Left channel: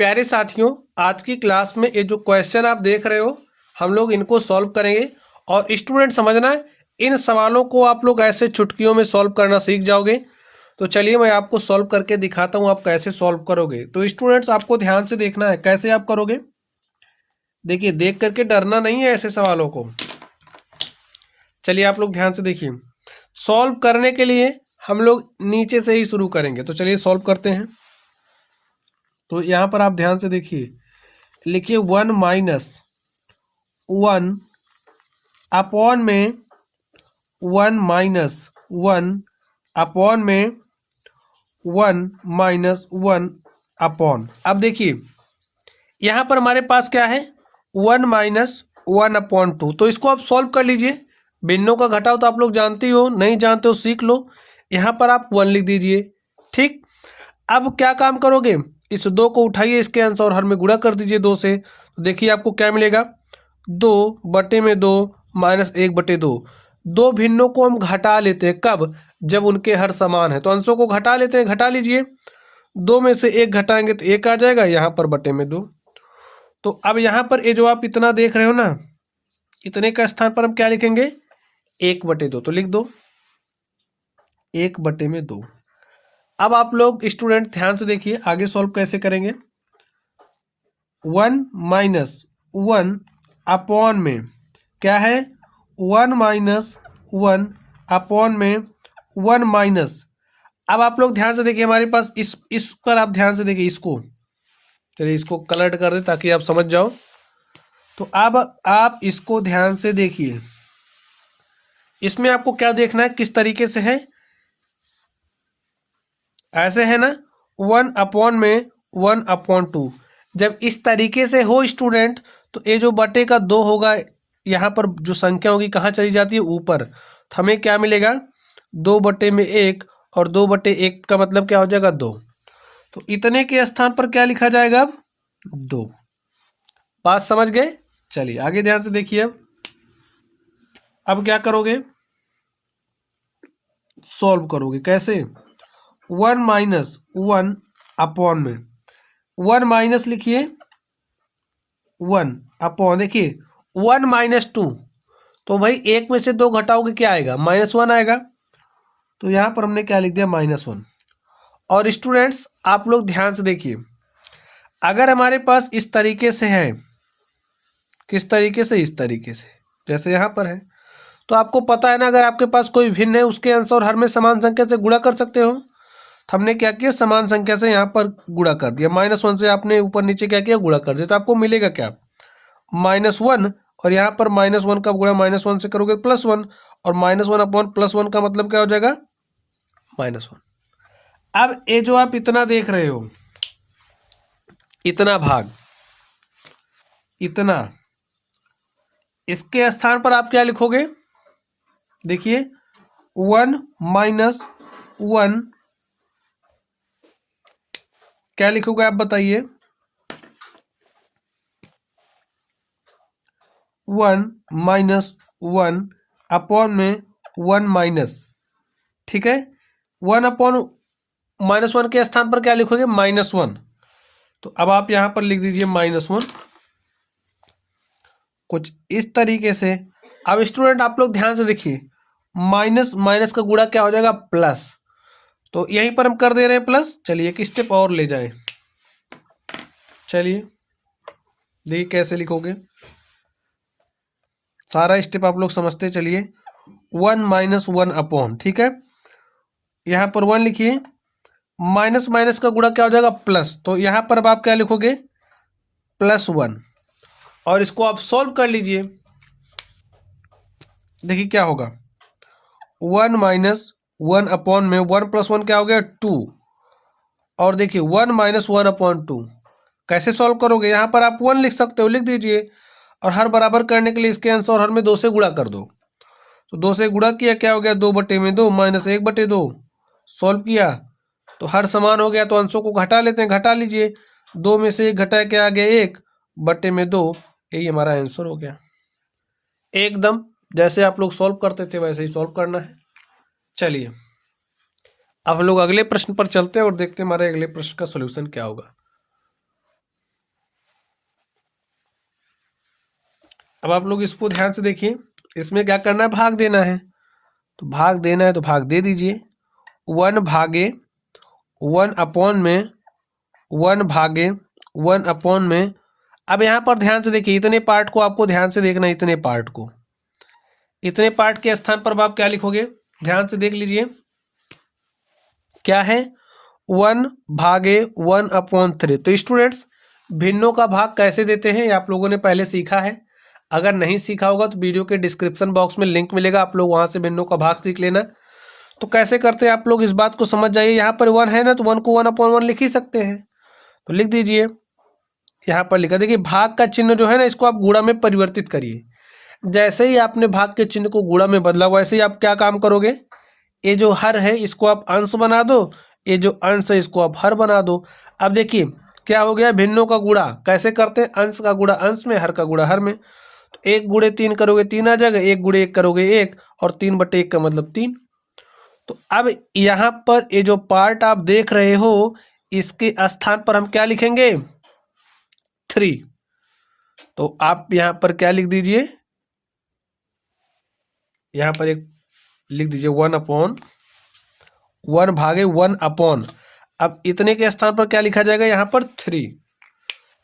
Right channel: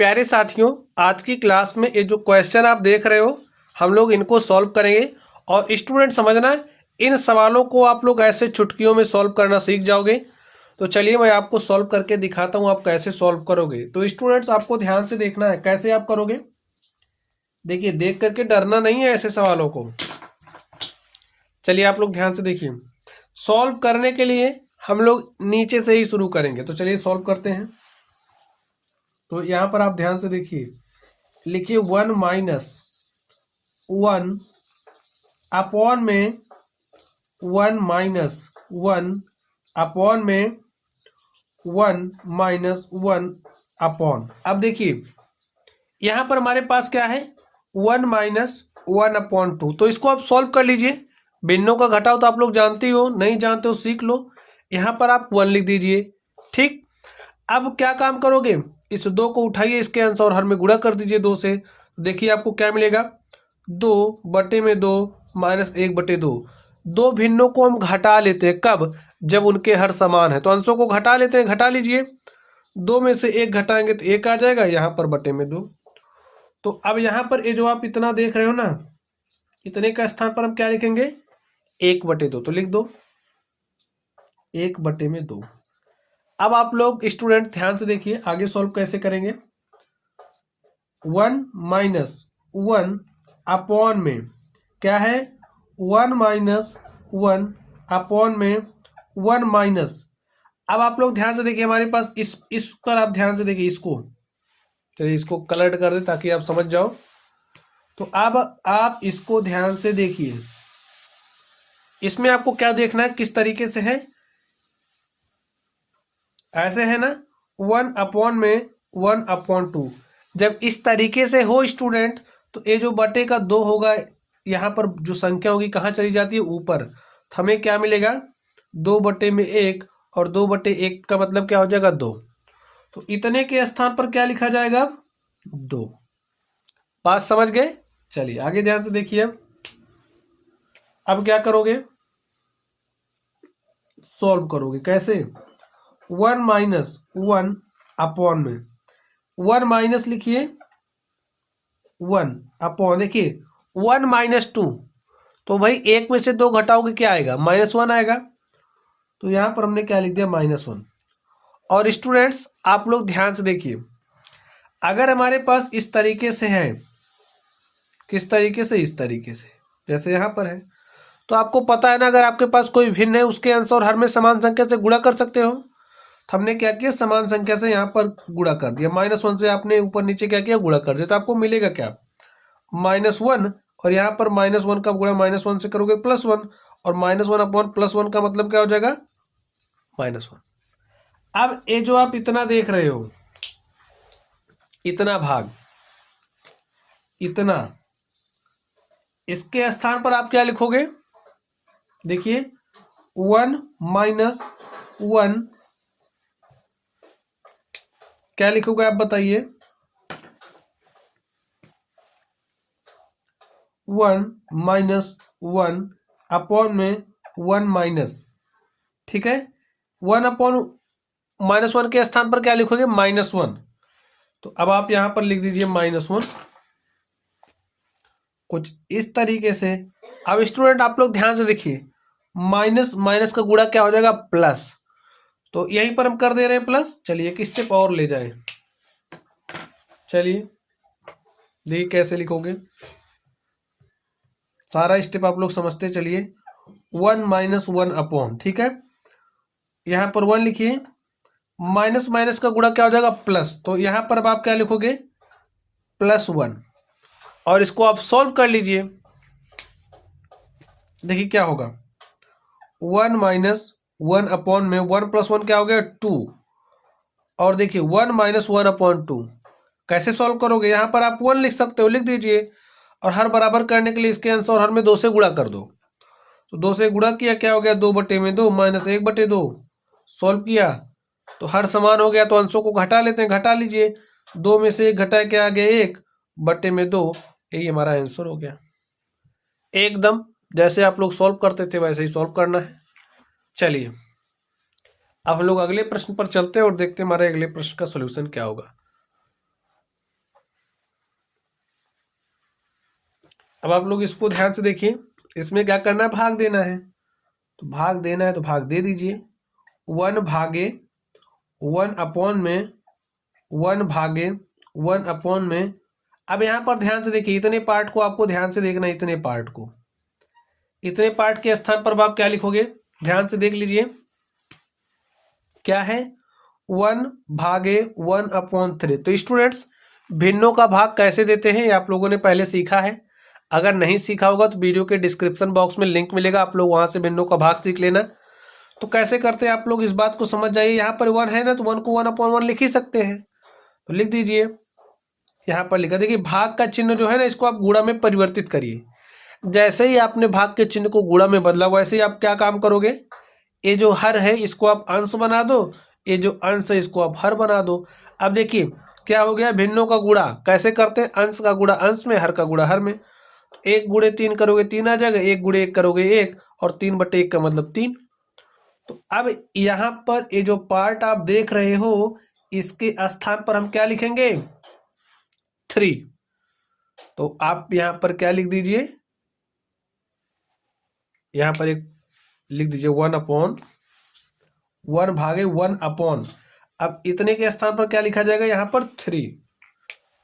प्यारे साथियों, आज की क्लास में ये जो क्वेश्चन आप देख रहे हो हम लोग इनको सॉल्व करेंगे। और स्टूडेंट समझना, इन सवालों को आप लोग ऐसे चुटकियों में सॉल्व करना सीख जाओगे। तो चलिए मैं आपको सॉल्व करके दिखाता हूँ आप कैसे सॉल्व करोगे। तो स्टूडेंट्स आपको ध्यान से देखना है कैसे आप करोगे। देखिए, देख करके डरना नहीं है ऐसे सवालों को। चलिए आप लोग ध्यान से देखिए। सॉल्व करने के लिए हम लोग नीचे से ही शुरू करेंगे। तो चलिए सॉल्व करते हैं। तो यहाँ पर आप ध्यान से देखिए, लिखिए 1 माइनस 1 अपॉन में 1 माइनस 1 अपॉन में 1 माइनस 1 अपॉन। अब देखिए यहाँ पर हमारे पास क्या है, 1 माइनस 1 अपॉन 2। तो इसको आप सॉल्व कर लीजिए। भिन्नों का घटाव तो आप लोग जानते ही हो, नहीं जानते हो सीख लो। यहाँ पर आप 1 लिख दीजिए। ठीक, अब क्या काम करोगे, इस 2 को उठाइए, इसके अंश और हर में गुणा कर दीजिए 2 से। तो देखिए आपको क्या मिलेगा, 2 बटे में 2 माइनस 1 बटे 2। दो भिन्नों को हम घटा लेते हैं, कब, जब उनके हर समान है। तो अंशों को घटा लेते हैं, घटा लीजिए। 2 में से 1 घटाएंगे तो 1 आ जाएगा, यहाँ पर बटे में 2। तो अब यहाँ पर ये जो आप इतना देख रहे हो ना, इतने का स्थान पर हम क्या लिखेंगे, 1 बटे 2। तो लिख दो 1 बटे में 2। अब आप लोग स्टूडेंट ध्यान से देखिए आगे सॉल्व कैसे करेंगे। 1 माइनस 1 अपॉन में क्या है, 1 माइनस 1 अपॉन में 1 माइनस। अब आप लोग ध्यान से देखिए, हमारे पास इस पर आप ध्यान से देखिए इसको। चलिए इसको कलर कर दे ताकि आप समझ जाओ। तो अब आप इसको ध्यान से देखिए, इसमें आपको क्या देखना है, किस तरीके से है, ऐसे है ना, 1 अपॉन में 1 अपॉन 2। जब इस तरीके से हो स्टूडेंट, तो ये जो बटे का 2 होगा, यहाँ पर जो संख्या होगी कहाँ चली जाती है, ऊपर। तो हमें क्या मिलेगा, 2 बटे में 1, और 2 बटे 1 का मतलब क्या हो जाएगा, 2। तो इतने के स्थान पर क्या लिखा जाएगा, अब 2। बात समझ गए। चलिए आगे ध्यान से देखिए। अब क्या करोगे, सॉल्व करोगे कैसे, 1 माइनस 1 अपॉन में 1 माइनस लिखिए 1 अपॉन, देखिए 1 माइनस 2। तो भाई 1 में से 2 घटाओगे क्या आएगा, -1 आएगा। तो यहाँ पर हमने क्या लिख दिया, -1। और स्टूडेंट्स आप लोग ध्यान से देखिए, अगर हमारे पास इस तरीके से है, किस तरीके से, इस तरीके से जैसे यहाँ पर है, तो आपको पता है ना, अगर आपके पास कोई भिन्न है उसके अंश और हर में समान संख्या से गुणा कर सकते हो। तो हमने क्या किया, समान संख्या से यहाँ पर गुणा कर दिया, -1 से आपने ऊपर नीचे क्या किया, गुणा कर दिया। तो आपको मिलेगा क्या, -1, और यहाँ पर -1 का गुणा -1 से करोगे +1, और -1 अपॉन +1 का मतलब क्या हो जाएगा, -1। अब ये जो आप इतना देख रहे हो, इतना भाग, इतना, इसके स्थान पर आप क्या लिखोगे, देखिए 1 माइनस 1 क्या लिखोगे आप बताइए, 1 माइनस 1 अपॉन में 1 माइनस। ठीक है, 1 अपॉन -1 के स्थान पर क्या लिखोगे, -1। तो अब आप यहां पर लिख दीजिए -1, कुछ इस तरीके से। अब स्टूडेंट आप लोग ध्यान से देखिए, माइनस माइनस का गुणा क्या हो जाएगा, प्लस। तो यहीं पर हम कर दे रहे हैं प्लस। चलिए एक स्टेप और ले जाए, चलिए देखिए कैसे लिखोगे, सारा स्टेप आप लोग समझते चलिए। 1 माइनस 1 अपॉन, ठीक है, यहाँ पर 1 लिखिए, माइनस माइनस का गुणा क्या हो जाएगा, प्लस। तो यहाँ पर अब आप क्या लिखोगे, +1, और इसको आप सॉल्व कर लीजिए। देखिए क्या होगा, 1 माइनस 1 अपॉन में 1 + 1 क्या हो गया, 2। और देखिए 1 माइनस 1 अपॉन 2 कैसे सॉल्व करोगे, यहाँ पर आप 1 लिख सकते हो, लिख दीजिए। और हर बराबर करने के लिए इसके अंश और हर में 2 से गुणा कर दो। तो 2 से गुणा किया, क्या हो गया, 2 बटे में 2 माइनस 1 बटे 2। सॉल्व किया तो हर समान हो गया, तो अंशों को घटा लेते हैं, घटा लीजिए। 2 में से 1 घटाया, क्या आ गया, 1 बटे में 2। यही हमारा आंसर हो गया। एकदम जैसे आप लोग सॉल्व करते थे वैसे ही सॉल्व करना है। चलिए अब हम लोग अगले प्रश्न पर चलते हैं और देखते हैं हमारे अगले प्रश्न का सोल्यूशन क्या होगा। अब आप लोग इसको ध्यान से देखिए, इसमें क्या करना है, भाग देना है। तो भाग देना है तो भाग दे दीजिए। 1/1/1 अब यहाँ पर ध्यान से देखिए, इतने पार्ट को आपको ध्यान से देखना है। इतने पार्ट के स्थान पर आप क्या लिखोगे, ध्यान से देख लीजिए। क्या है, 1/1/3। तो स्टूडेंट्स, भिन्नों का भाग कैसे देते हैं ये आप लोगों ने पहले सीखा है। अगर नहीं सीखा होगा तो वीडियो के डिस्क्रिप्शन बॉक्स में लिंक मिलेगा, आप लोग वहां से भिन्नों का भाग सीख लेना। तो कैसे करते हैं आप लोग इस बात को समझ जाइए। यहाँ पर 1 है ना, तो 1 को 1/1 लिख ही सकते हैं। तो लिख दीजिए, यहाँ पर लिखा। देखिए, भाग का चिन्ह जो है ना, इसको आप गुणा में परिवर्तित करिए। जैसे ही आपने भाग के चिन्ह को गुणा में बदला, वैसे ही आप क्या काम करोगे, ये जो हर है इसको आप अंश बना दो, ये जो अंश है इसको आप हर बना दो। अब देखिए क्या हो गया, भिन्नों का गुणा कैसे करते हैं, अंश का गुणा अंश में, हर का गुणा हर में। तो 1 × 3 करोगे 3 आ जाएगा, 1 × 1 करोगे 1, और 3/1 का मतलब 3। तो अब यहाँ पर ये जो पार्ट आप देख रहे हो, इसके स्थान पर हम क्या लिखेंगे, 3। तो आप यहाँ पर क्या लिख दीजिए, यहाँ पर एक लिख दीजिए 1/1/1। अब इतने के स्थान पर क्या लिखा जाएगा, यहाँ पर 3।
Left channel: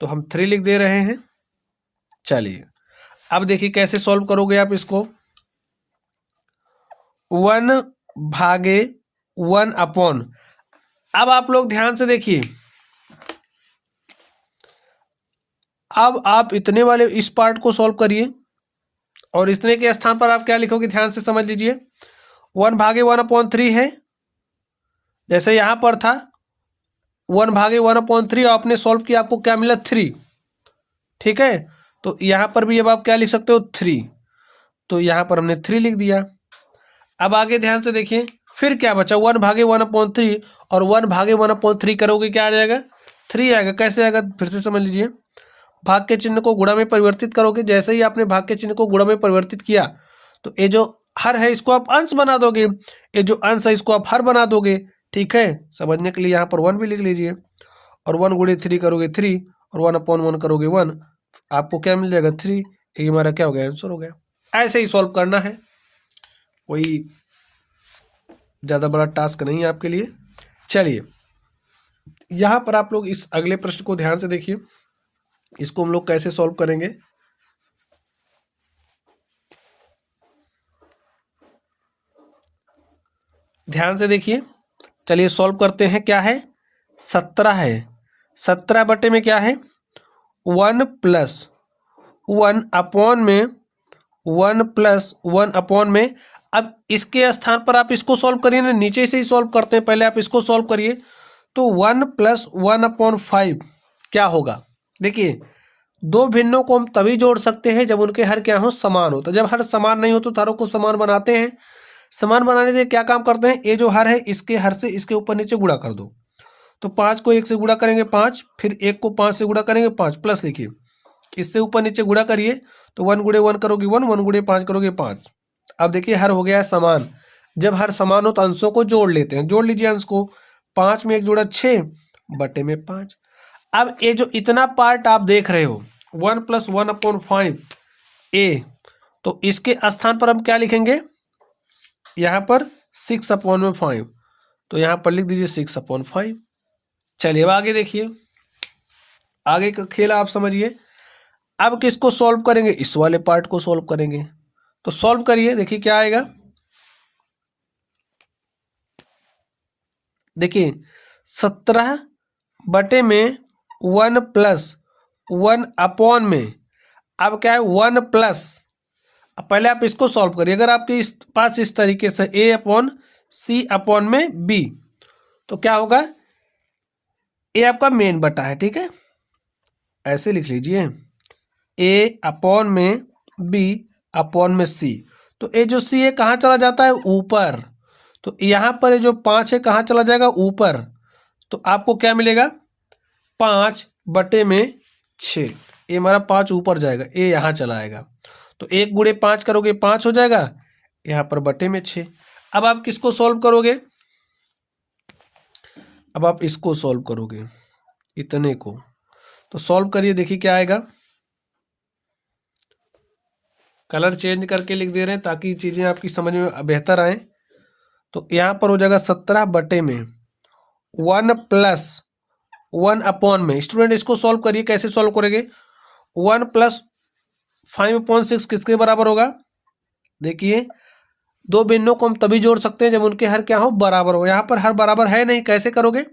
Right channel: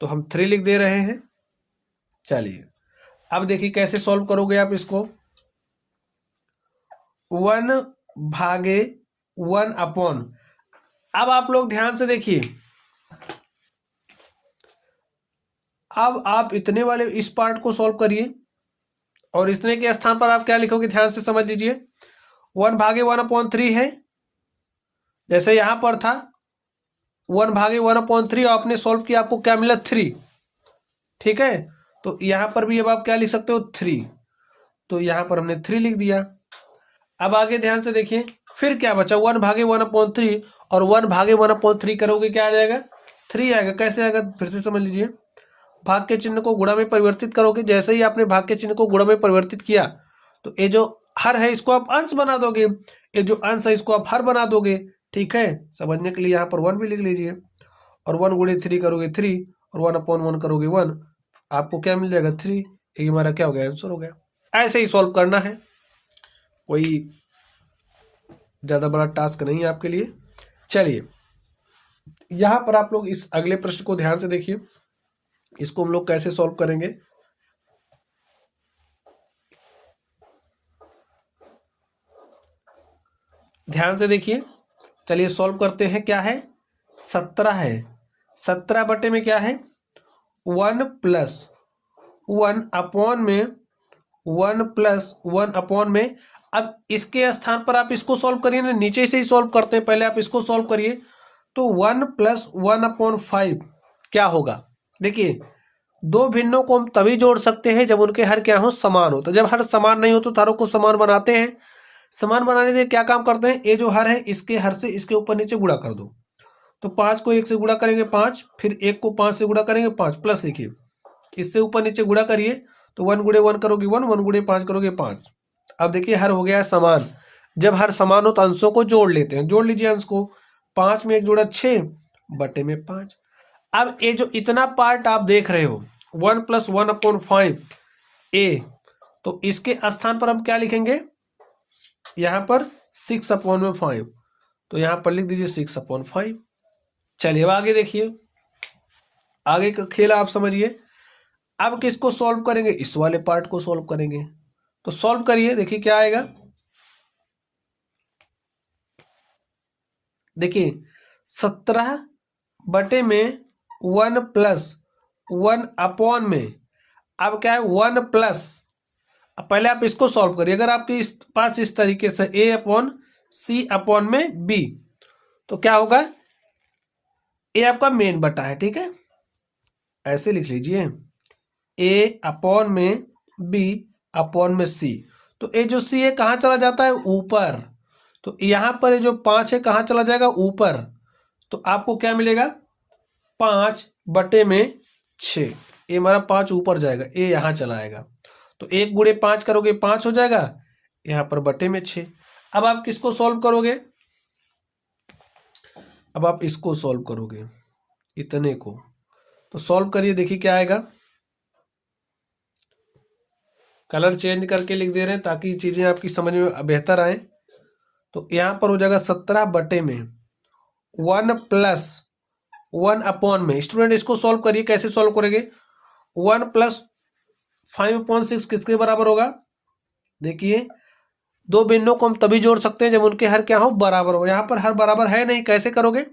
तो हम 3 लिख दे रहे हैं। चलिए अब देखिए कैसे सॉल्व करोगे आप इसको। 1/1/। अब आप लोग ध्यान से देखिए, अब आप इतने वाले इस पार्ट को सॉल्व करिए, और इतने के स्थान पर आप क्या लिखोगे, ध्यान से समझ लीजिए। 1/1/3 है, जैसे यहां पर था 1/1/3, आपने सॉल्व किया, आपको क्या मिला, 3। ठीक है, तो यहां पर भी अब आप क्या लिख सकते हो, 3। तो यहां पर हमने 3 लिख दिया। अब आगे ध्यान से देखिए, फिर क्या बचा, 1/1/3, और 1/1/3 करोगे क्या आ जाएगा, 3 आएगा। कैसे आएगा, फिर से समझ लीजिए। भाग के चिन्ह को गुणा में परिवर्तित करोगे, जैसे ही आपने भाग के चिन्ह को गुणा में परिवर्तित किया, तो ये जो हर है इसको आप अंश बना दोगे, ये जो अंश है इसको आप हर बना दोगे। ठीक है, समझने के लिए यहाँ पर 1 भी लिख लीजिए। और 1 × 3 करोगे 3, और 1/1 करोगे 1, आपको क्या मिल जाएगा, 3। ये हमारा क्या हो गया, आंसर हो गया। ऐसे ही सॉल्व करना है, कोई ज़्यादा बड़ा टास्क नहीं है आपके लिए। चलिए यहाँ पर आप लोग इस अगले प्रश्न को ध्यान से देखिए, इसको हम लोग कैसे सॉल्व करेंगे। ध्यान से देखिए, चलिए सॉल्व करते हैं। क्या है, 17 है। 17 बटे में क्या है, 1 + 1/1 अब इसके स्थान पर आप इसको सॉल्व करिए ना, नीचे से ही सॉल्व करते हैं, पहले आप इसको सॉल्व करिए। तो 1 + 1/5 क्या होगा। देखिए, दो भिन्नों को हम तभी जोड़ सकते हैं जब उनके हर क्या हो, समान हो। तो जब हर समान नहीं हो तो हरों को समान बनाते हैं। समान बनाने से क्या काम करते हैं, ये जो हर है इसके हर से इसके ऊपर नीचे गुणा कर दो। तो 5 को 1 से गुणा करेंगे 5, फिर 1 को 5 से गुणा करेंगे 5, प्लस लिखिए, इससे ऊपर नीचे गुणा करिए। तो 1 × 1 करोगे 1, 1 × 5 करोगे 5। अब देखिए हर हो गया समान। जब हर समान हो तो अंशों को जोड़ लेते हैं। जोड़ लीजिए अंश को, 5 में 1 जोड़ा 6 बटे में 5। अब ये जो इतना पार्ट आप देख रहे हो 1 + 1/5 ए, तो इसके स्थान पर हम क्या लिखेंगे, यहाँ पर 6/5। तो यहाँ पर लिख दीजिए 6/5। चलिए अब आगे देखिए, आगे का खेल आप समझिए। अब किसको सॉल्व करेंगे, इस वाले पार्ट को सॉल्व करेंगे। तो सॉल्व करिए, देखिए क्या आएगा। देखिए 17 बटे में 1 + 1/, में अब क्या है 1 प्लस, अब पहले आप इसको सॉल्व करिए। अगर आपके इस पास इस तरीके से A/C/B, तो क्या होगा, ए आपका मेन बटा है। ठीक है, ऐसे लिख लीजिए, A/B/C। तो ये जो C है कहाँ चला जाता है, ऊपर। तो यहाँ पर ये जो 5 है कहाँ चला जाएगा, ऊपर। तो आपको क्या मिलेगा, 5 बटे में 6। ये हमारा 5 ऊपर जाएगा, ये यहाँ चला आएगा। तो 1 × 5 करोगे 5 हो जाएगा, यहाँ पर बटे में 6। अब आप किसको सॉल्व करोगे, अब आप इसको सॉल्व करोगे, इतने को। तो सॉल्व करिए, देखिए क्या आएगा। कलर चेंज करके लिख दे रहे हैं ताकि चीज़ें आपकी समझ में बेहतर आए। तो यहाँ पर हो जाएगा 17 बटे में 1 प्लस 1 अपॉन में। स्टूडेंट इसको सॉल्व करिए, कैसे सॉल्व करेंगे? 1 प्लस 5/6 किसके बराबर होगा? देखिए दो भिन्नों को हम तभी जोड़ सकते हैं जब उनके हर क्या हो, बराबर हो। यहाँ पर हर बराबर है नहीं, कैसे करोगे?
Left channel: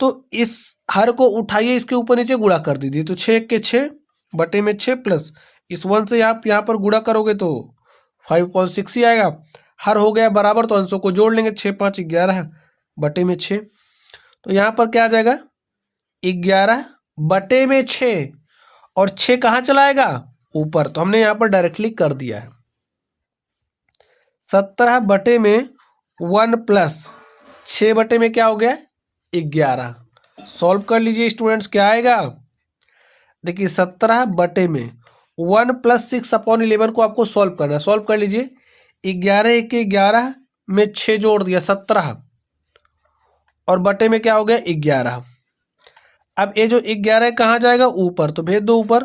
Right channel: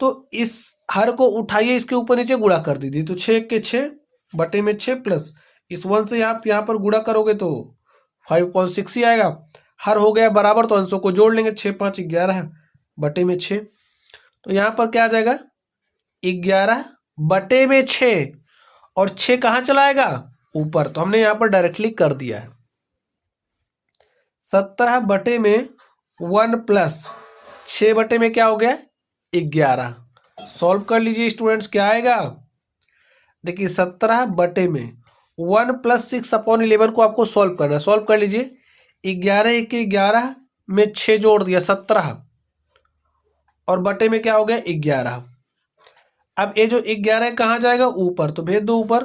तो इस हर को उठाइए, इसके ऊपर नीचे गुणा कर दीजिए। तो 6 के 6 बटे में 6 प्लस इस 1 से आप यहाँ पर गुणा करोगे तो 5/6 ही आएगा। हर हो गया बराबर तो अंशों को जोड़ लेंगे, 6 5 11 बटे में 6। तो यहाँ पर क्या आ जाएगा? 11 बटे में 6 और 6 कहाँ चलाएगा? ऊपर। तो हमने यहाँ पर डायरेक्टली कर दिया है। 17 बटे में 1 प्लस 6 बटे में क्या हो गया? 11। सॉल्व कर लीजिए स्टूडेंट्स, क्या आएगा? देखिए 17 बटे में 1 प्लस 6/11 को आपको सॉल्व करना है। सॉल्व कर लीजिए। 11 के 11 में 6 जोड़ दिया 17 और बटे में क्या हो गया? 11। अब ये जो 11 कहाँ जाएगा? ऊपर। तो भेज दो ऊपर।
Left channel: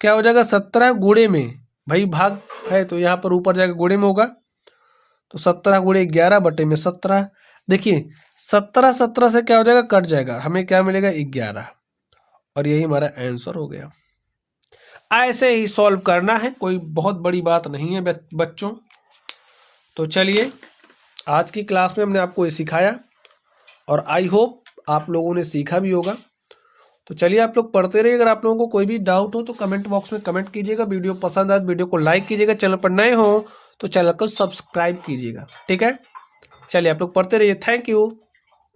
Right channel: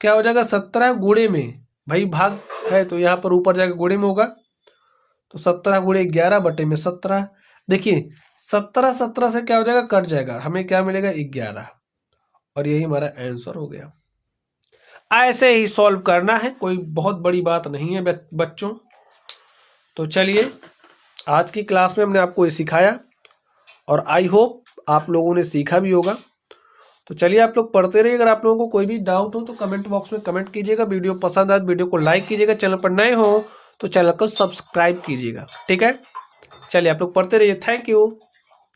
क्या हो जाएगा? 17 गुणे में, भाई भाग है तो यहाँ पर ऊपर जाएगा गुणे में होगा। तो 17 गुणे 11 बटे में 17। देखिए 17 17 से क्या हो जाएगा? कट जाएगा, हमें क्या मिलेगा? 11। और यही हमारा आंसर हो गया। ऐसे ही सॉल्व करना है, कोई बहुत बड़ी बात नहीं है बच्चों। तो चलिए आज की क्लास में हमने आपको ये सिखाया और आई होप आप लोगों ने सीखा भी होगा। तो चलिए आप लोग पढ़ते रहिए। अगर आप लोगों को कोई भी डाउट हो तो कमेंट बॉक्स में कमेंट कीजिएगा। वीडियो पसंद आए तो वीडियो को लाइक कीजिएगा। चैनल पर नए हो तो चैनल को सब्सक्राइब कीजिएगा। ठीक है, चलिए आप लोग पढ़ते रहिए। Thank you.